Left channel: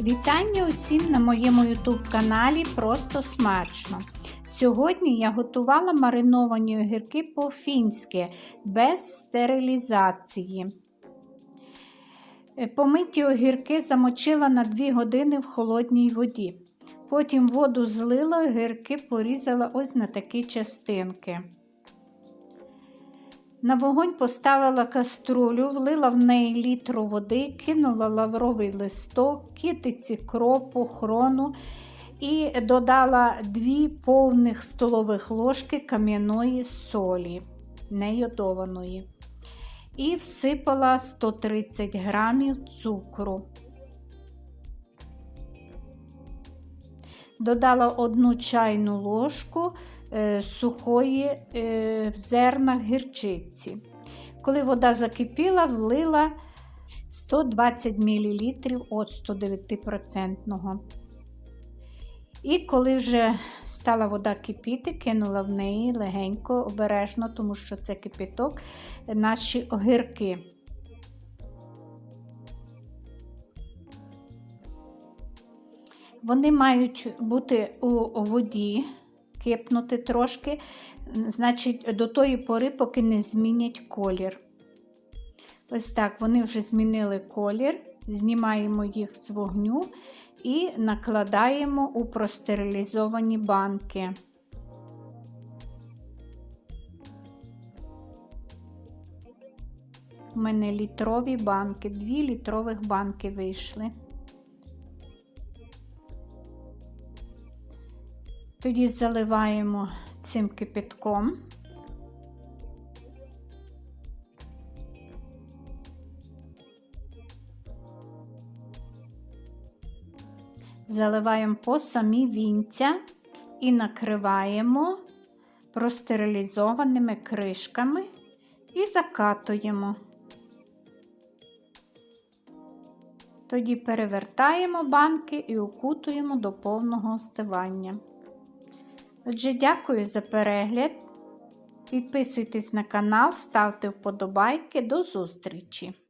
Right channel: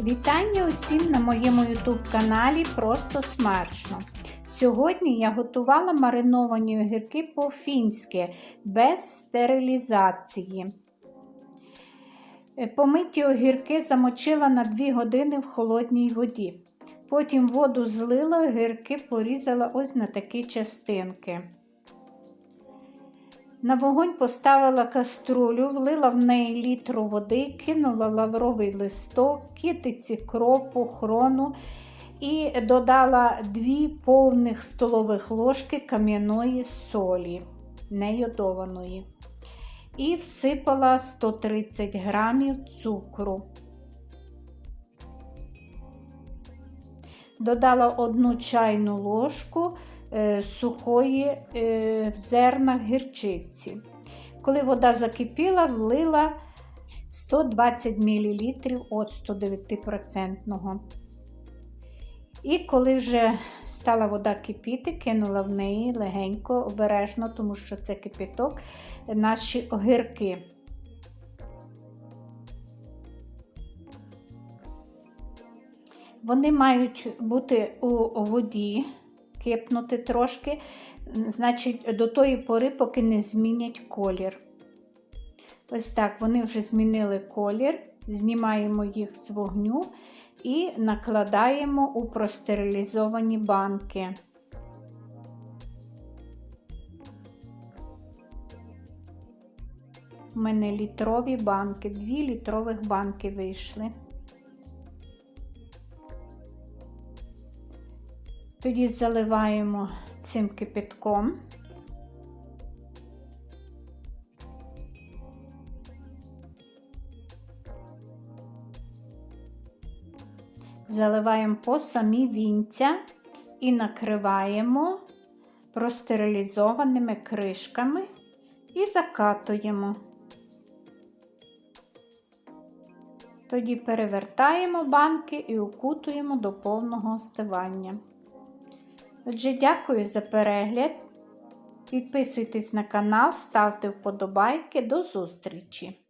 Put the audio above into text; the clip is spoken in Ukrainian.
Вітання усім на моєму YouTube каналі Просто смачно. Сьогодні я готувала мариновані огірки по-фінськи без стерилізації. Помиті огірки замочила на 2 години в холодній воді. Потім воду злила, огірки порізала ось на такі частинки. На вогонь поставила каструлю, влила в неї літру води, кинула лавровий листок, китиці кропу, хрону і додала 2 повних столових ложки кам'яної солі, нейодованої. І всипала 130 грамів цукру. Додала одну чайну ложку сухої е, в зернах гірчиці. Коли вода закипіла, влила 120 мл оцту 9%. І коли вже стала вода кипіти, кинула в неї легенько, обережно, тому що це кипіток, наші огірки. Вони мають бути у воді, кипнути трошки, значить, до тої пори, поки не змінять колір. Ось так, вони вже змінили колір, знімаємо їх з вогню і накладаємо у простерилізовані банки. У мене літрові банки, дві літрових банки вийшли. Тоді заливаємо цим кипятком. Заливаємо по самі вінця і накриваємо простерилізованими кришками і закатуємо. Тоді перевертаємо банки і укутуємо до повного остивання. Отже, дякую за перегляд. Підписуйтесь на канал, ставте вподобайки. До зустрічі!